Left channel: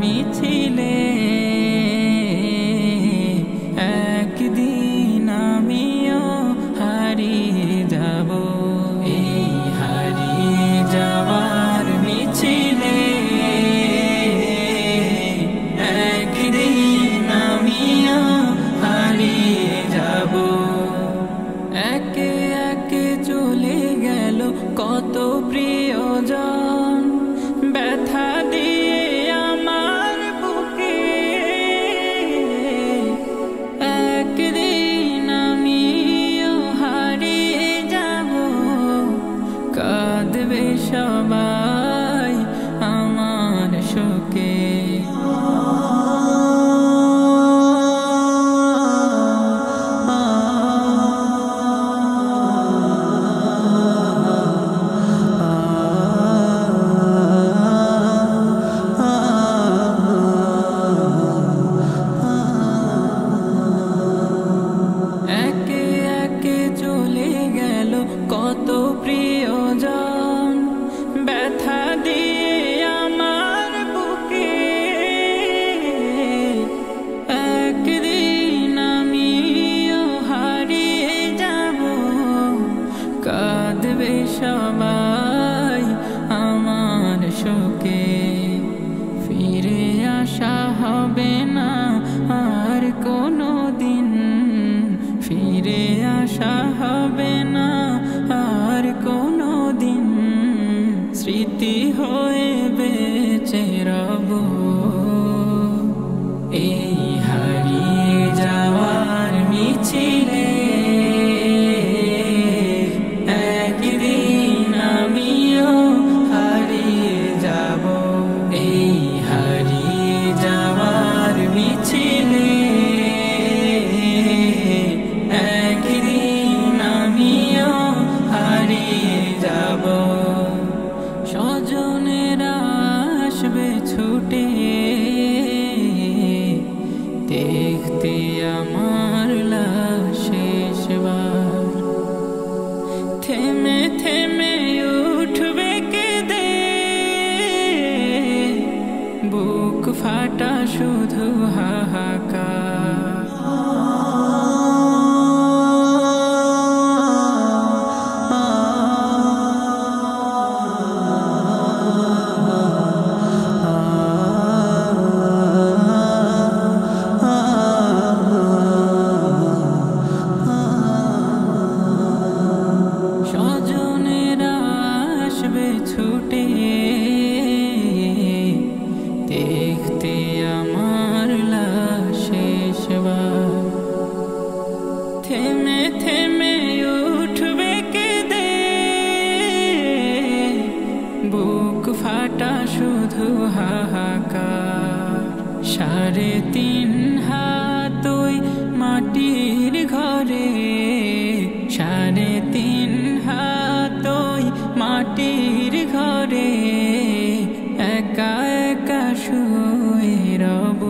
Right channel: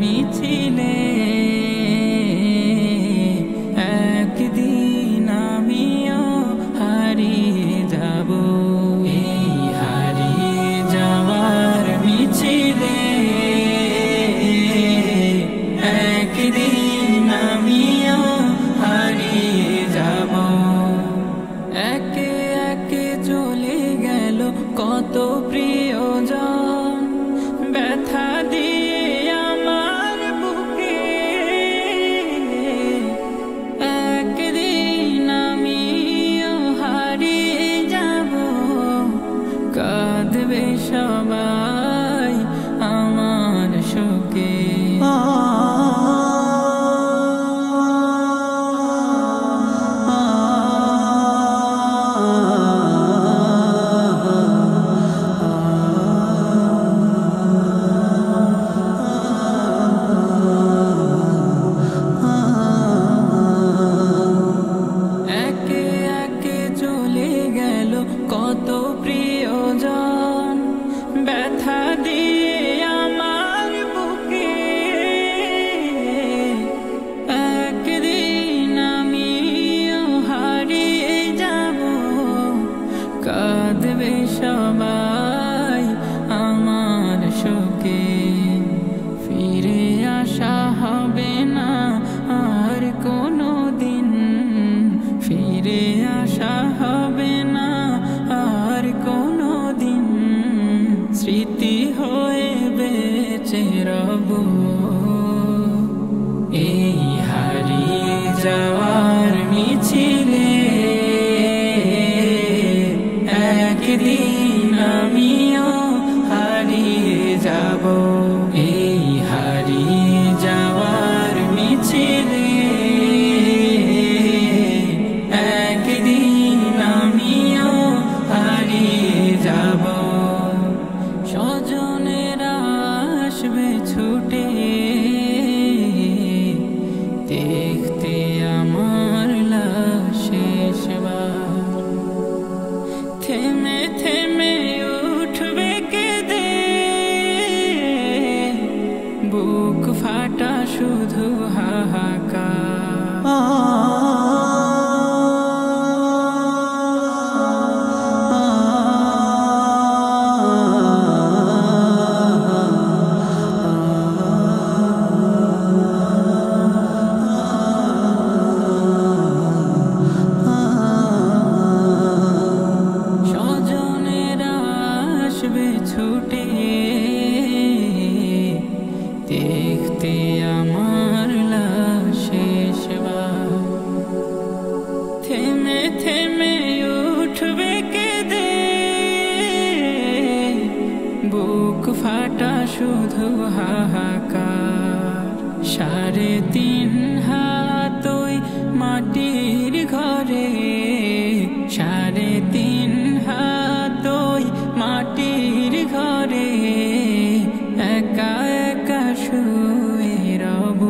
মিছিলে একদিন আমিও হারিয়ে যাব। এই হারিয়ে যাওয়ার মিছিলে একদিন আমিও হারিয়ে যাব। একে একে চলে গেল কত প্রিয়জন, ব্যথা দিয়ে আমার বুকে। একদিন আমিও হারিয়ে যাব, কাঁদবে সবাই আমার শোকে। চলে গেল কত প্রিয়জন, ব্যথা দিয়ে আমার বুকে। একদিন আমিও হারিয়ে যাব, কাঁদবে সবাই আমার শোকে। ফিরে আসা হবে না আর কোনো দিন, ফিরে আসা হবে না আর কোনো দিন। স্মৃতি হয়ে বেঁচে রব এই হারিয়ে যাওয়ার মিছিলে। একদিন আমিও হারিয়ে যাব, এই হারিয়ে যাওয়ার মিছিলে। স্বজনেরা আসবে ছুটে দেখতে আমার লাশ শেষবার। থেমে থেমে উঠবে কেঁদে, বুক ফাটা শুধু হাহাকার। ছুটে দেখতে আমার লাশ শেষবার। থেমে থেমে উঠবে কেঁদে, বুক ফাটা শুধু হাহাকার। 3.5 হাত ওই মাটির ঘরে, 3.5 হাত ওই মাটির ঘরে, একা একা শুয়ে রব।